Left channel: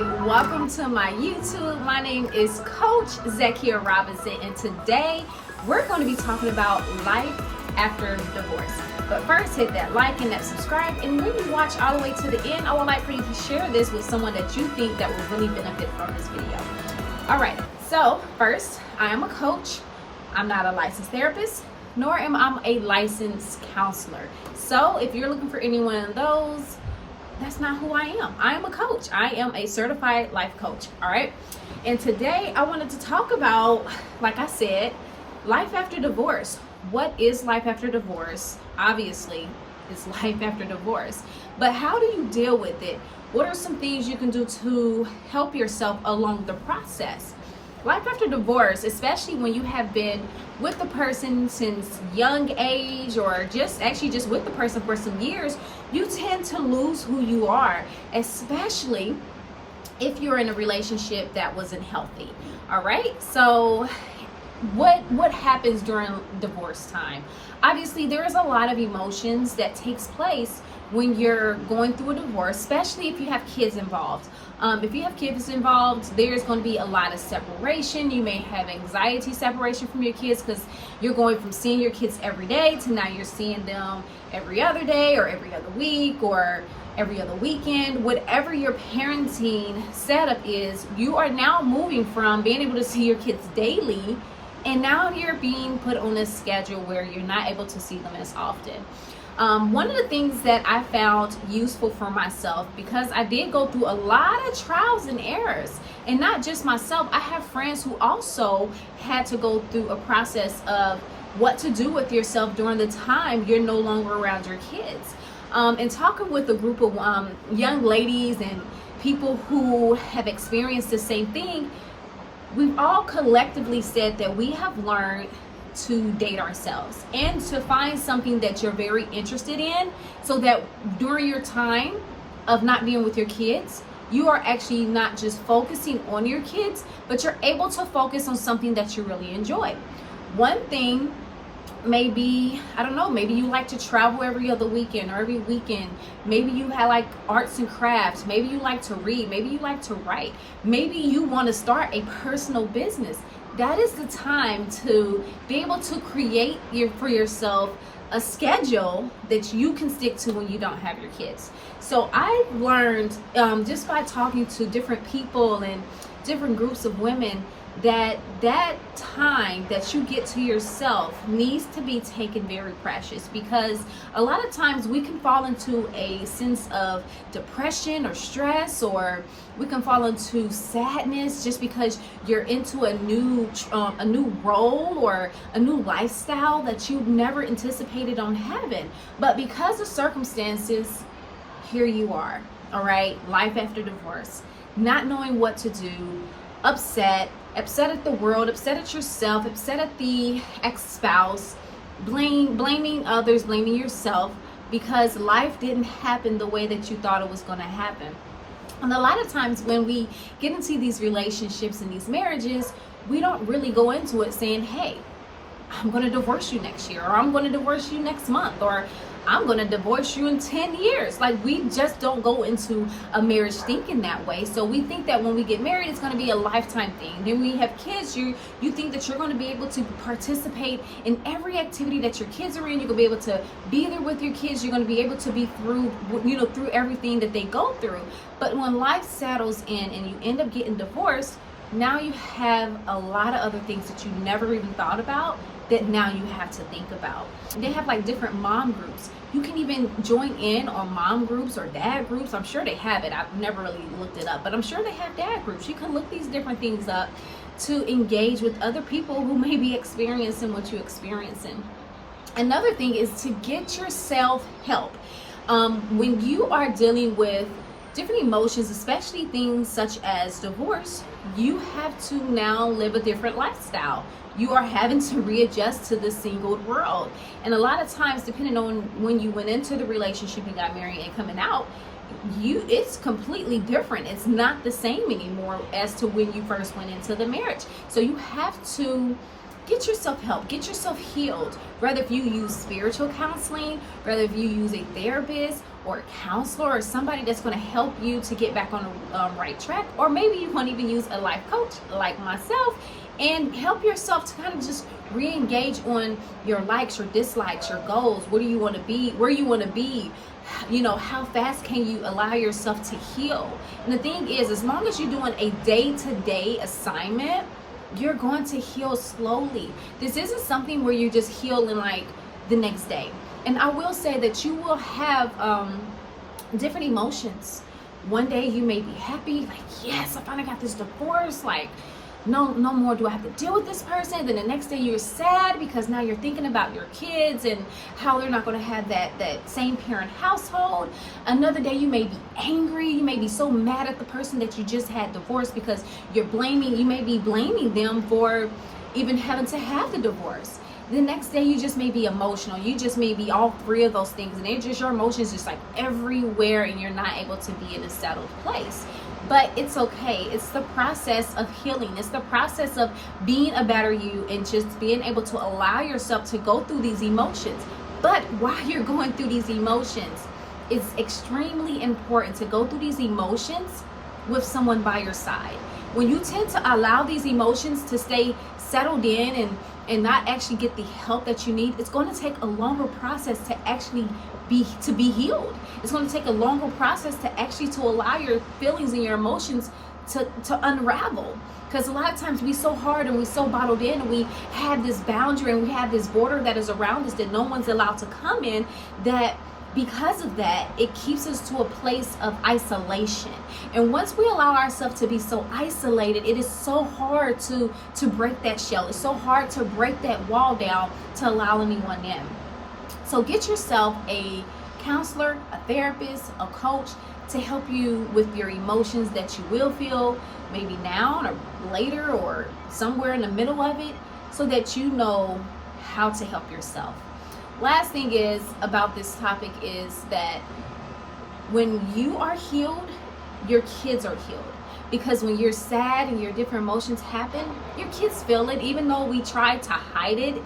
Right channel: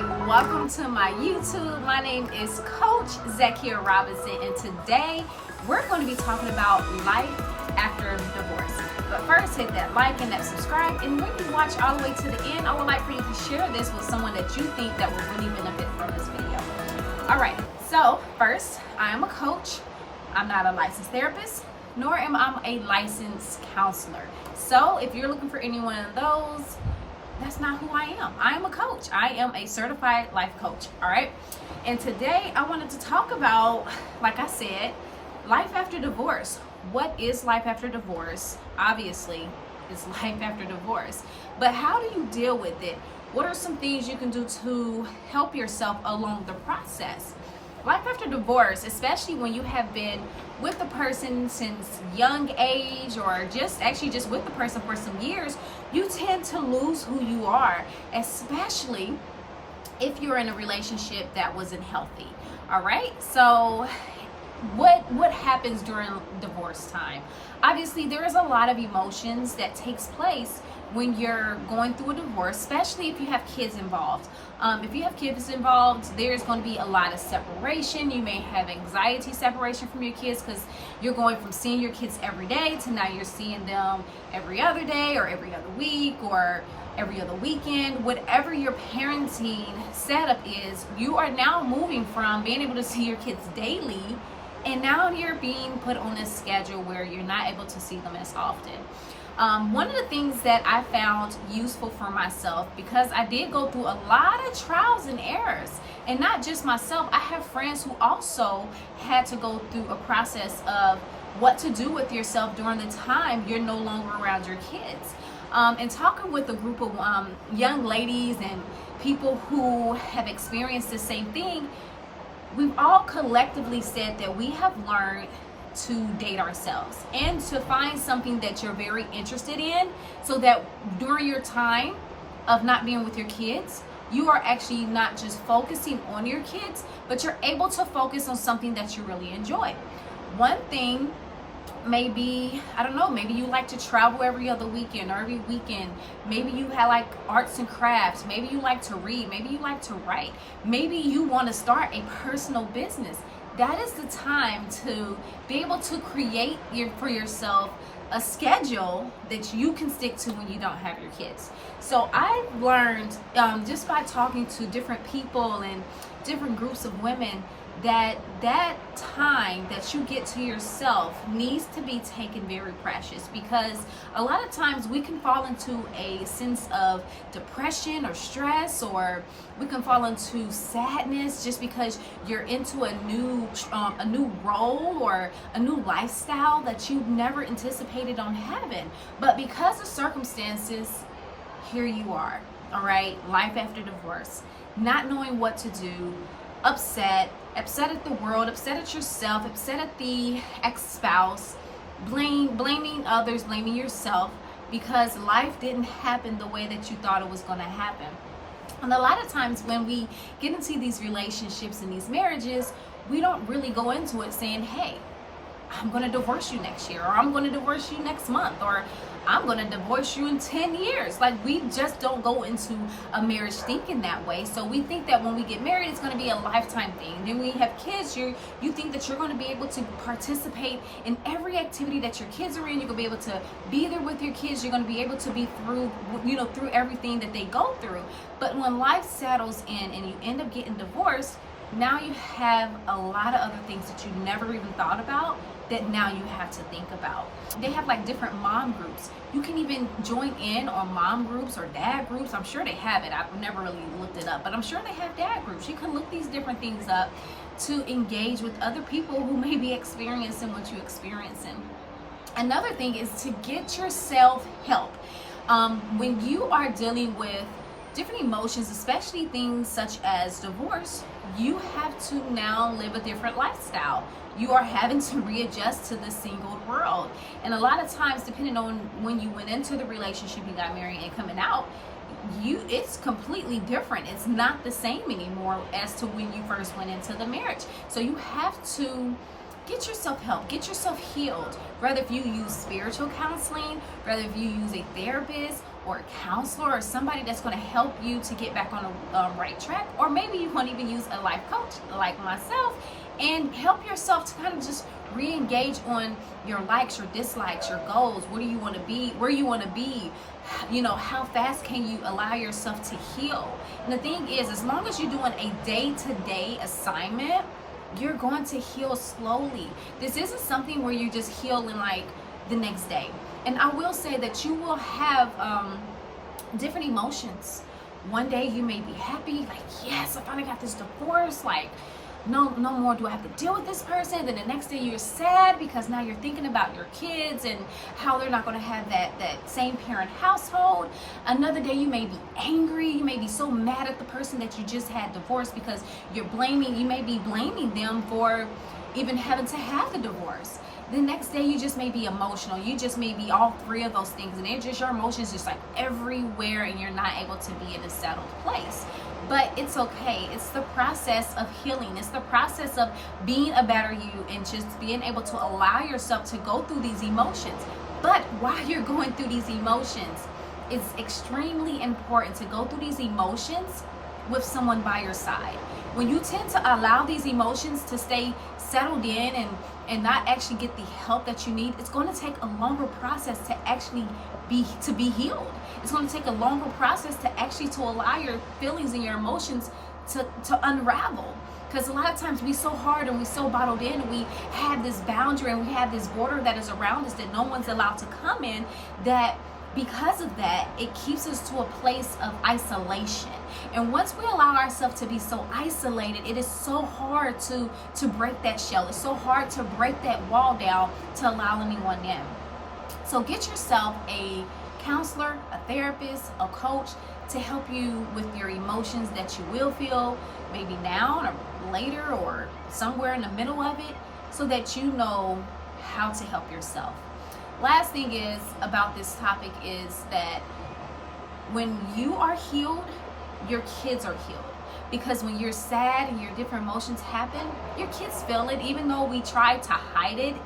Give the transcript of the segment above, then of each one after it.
right, welcome to my YouTube. My name is Coach Zakiya Robinson, and today we're going to be talking about life after divorce. But first, hit that like and that subscribe, and when you watch all the way to the end, I would like for you to share this with someone that you think that will really benefit from this video. All right, so first, I am a coach. I'm not a licensed therapist, nor am I a licensed counselor. So if you're looking for any one of those, that's not who I am. I am a coach. I am a certified life coach. All right. And today I wanted to talk about, like I said, life after divorce. What is life after divorce? Obviously, it's life after divorce. But how do you deal with it? What are some things you can do to help yourself along the process? Life after divorce, especially when you have been with the person since young age or just with the person for some years, you tend to lose who you are, especially if you're in a relationship that wasn't healthy. All right, so what happens during divorce time? Obviously, there is a lot of emotions that takes place when you're going through a divorce, especially if you have kids involved. If you have kids involved, there's going to be a lot of separation. You may have anxiety separation from your kids because you're going from seeing your kids every day to now you're seeing them every other day or every other week or every other weekend. Whatever your parenting setup is, you are now moving from being able to see your kids daily, and now you're being put on a schedule where you're not able to see them as often. One of the things that I found useful for myself, because I did go through a lot of trials and errors, and not just myself, I have friends who also had to go through a process of what to do with yourself during the time you're no longer around your kids. And talking with a group of young ladies and people who have experienced the same thing, we've all collectively said that we have learned to date ourselves and to find something that you're very interested in, so that during your time of not being with your kids, you are actually not just focusing on your kids, but you're able to focus on something that you really enjoy. One thing maybe, I don't know, maybe you like to travel every other weekend or every weekend. Maybe you have like arts and crafts. Maybe you like to read. Maybe you like to write. Maybe you want to start a personal business. That is the time to be able to create for yourself a schedule that you can stick to when you don't have your kids. So I've learned just by talking to different people and different groups of women that time that you get to yourself needs to be taken very precious, because a lot of times we can fall into a sense of depression or stress, or we can fall into sadness just because you're into a new role or a new lifestyle that you never anticipated on having. But because of circumstances, here you are. All right, life after divorce, not knowing what to do, upset at the world, upset at yourself, upset at the ex-spouse, blaming others, blaming yourself because life didn't happen the way that you thought it was going to happen. And a lot of times when we get into these relationships and these marriages, we don't really go into it saying, hey, I'm going to divorce you next year, or I'm going to divorce you next month, or I'm going to divorce you in 10 years. Like, we just don't go into a marriage thinking that way. So we think that when we get married, it's going to be a lifetime thing. Then when you have kids, you think that you're going to be able to participate in every activity that your kids are in. You're going to be able to be there with your kids. You're going to be able to be through everything that they go through. But when life settles in and you end up getting divorced, now you have a lot of other things that you never even thought about that now you have to think about. They have like different mom groups. You can even join in on mom groups or dad groups. I'm sure they have it. I've never really looked it up, but I'm sure they have dad groups. You can look these different things up to engage with other people who may be experiencing what you're experiencing. Another thing is to get yourself help. When you are dealing with different emotions, especially things such as divorce, you have to now live a different lifestyle. You are having to readjust to the single world. And a lot of times, depending on when you went into the relationship and got married and coming out, it's completely different. It's not the same anymore as to when you first went into the marriage. So you have to get yourself help, get yourself healed. Whether if you use spiritual counseling, whether if you use a therapist or a counselor or somebody that's going to help you to get back on the right track, or maybe you want to even use a life coach like myself and help yourself to kind of just re-engage on your likes, your dislikes, your goals. What do you want to be? Where you want to be? You know, how fast can you allow yourself to heal? And the thing is, as long as you're doing a day-to-day assignment, you're going to heal slowly. This isn't something where you just heal in like the next day. And I will say that you will have different emotions. One day you may be happy, like, yes, I finally got this divorce, like, no more do I have to deal with this person. Then the next day you're sad because now you're thinking about your kids and how they're not going to have that same parent household. Another day you may be angry. You may be so mad at the person that you just had divorced because you may be blaming them for even having to have the divorce. The next day you just may be emotional. You just may be all three of those things, and they're just, your emotions just like everywhere, and you're not able to be in a settled place. But it's okay. It's the process of healing. It's the process of being a better you and just being able to allow yourself to go through these emotions. But while you're going through these emotions, it's extremely important to go through these emotions with someone by your side. When you tend to allow these emotions to stay settled in and not actually get the help that you need, it's going to take a longer process to actually be healed. It's going to take a longer process to allow your feelings and your emotions to unravel. Because a lot of times we so hard and we so bottled in, and we have this boundary and we have this border that is around us that no one's allowed to come in, that because of that, it keeps us to a place of isolation. And once we allow ourselves to be so isolated, it is so hard to break that shell. It's so hard to break that wall down to allow anyone in. So get yourself a counselor, a therapist, a coach to help you with your emotions that you will feel, maybe now or later or somewhere in the middle of it, so that you know how to help yourself. Last thing is about this topic is that when you are healed, your kids are healed. Because when you're sad and your different emotions happen, your kids feel it. Even though we try to hide it,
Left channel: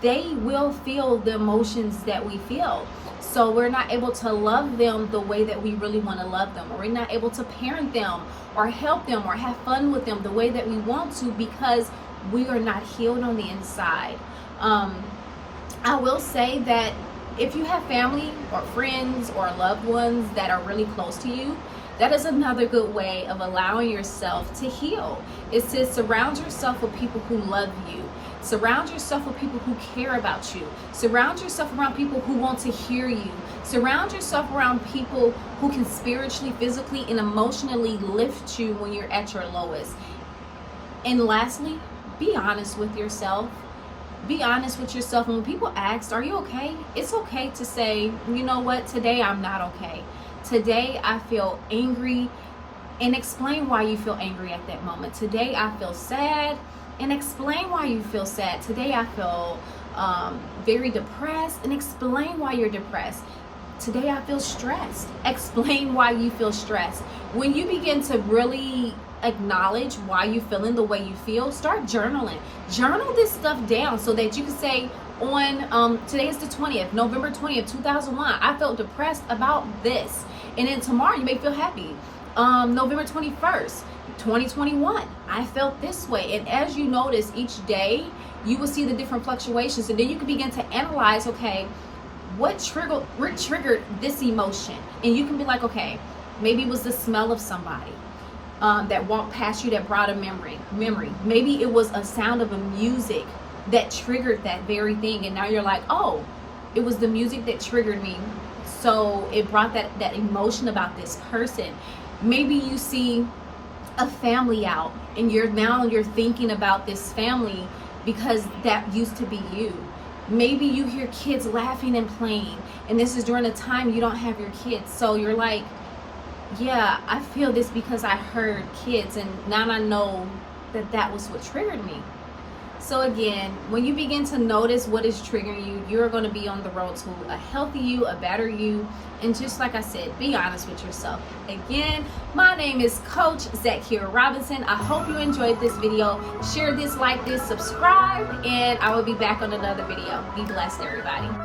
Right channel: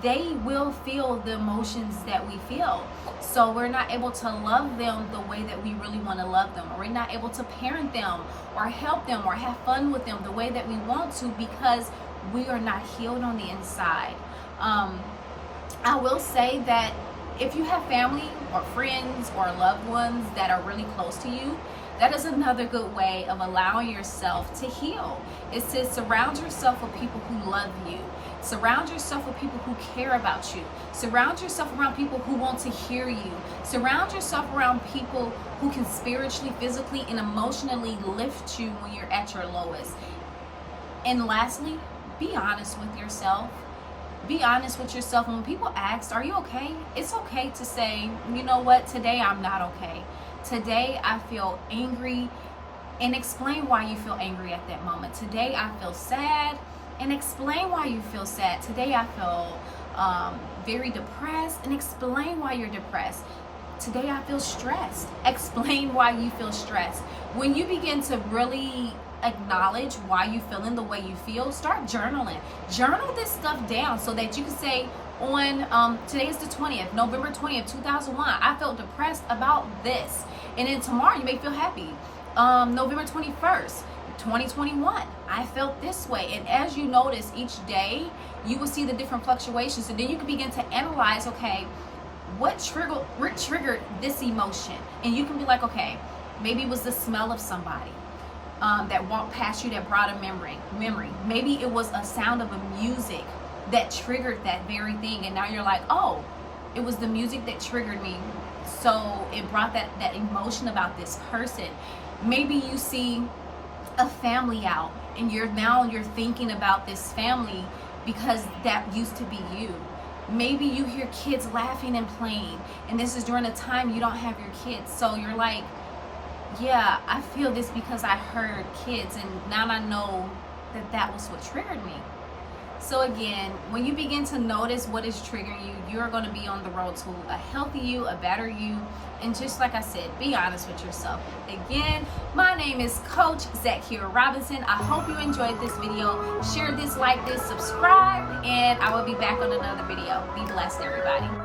they will feel the emotions that we feel. So we're not able to love them the way that we really want to love them, or we're not able to parent them or help them or have fun with them the way that we want to, because we are not healed on the inside. I will say that if you have family or friends or loved ones that are really close to you, that is another good way of allowing yourself to heal. Is to surround yourself with people who love you. Surround yourself with people who care about you. Surround yourself around people who want to hear you. Surround yourself around people who can spiritually, physically, and emotionally lift you when you're at your lowest. And lastly, be honest with yourself. Be honest with yourself. And when people ask, are you okay? It's okay to say, you know what, today I'm not okay. Today I feel angry, and explain why you feel angry at that moment. Today I feel sad, and explain why you feel sad. Today I feel very depressed, and explain why you're depressed. Today I feel stressed. Explain why you feel stressed. When you begin to really acknowledge why you're feeling the way you feel, start journaling. Journal this stuff down so that you can say, on today is the 20th, November 20th, 2001, I felt depressed about this. And then tomorrow you may feel happy. November 21st, 2021, I felt this way. And as you notice each day, you will see the different fluctuations, and then you can begin to analyze, okay, what triggered this emotion? And you can be like, okay, maybe it was the smell of somebody that walked past you that brought a memory. Maybe it was a sound of a music that triggered that very thing, and now you're like, oh, it was the music that triggered me, so it brought that emotion about this person. Maybe you see a family out, and you're thinking about this family because that used to be you. Maybe you hear kids laughing and playing, and this is during a time you don't have your kids, so you're like, yeah, I feel this because I heard kids, and now I know that was what triggered me. So again, when you begin to notice what is triggering you, you're going to be on the road to a healthy you, a better you. And just like I said, be honest with yourself. Again, my name is Coach Zakiya Robinson. I hope you enjoyed this video. Share this, like this, subscribe, and I will be back on another video. Be blessed, everybody.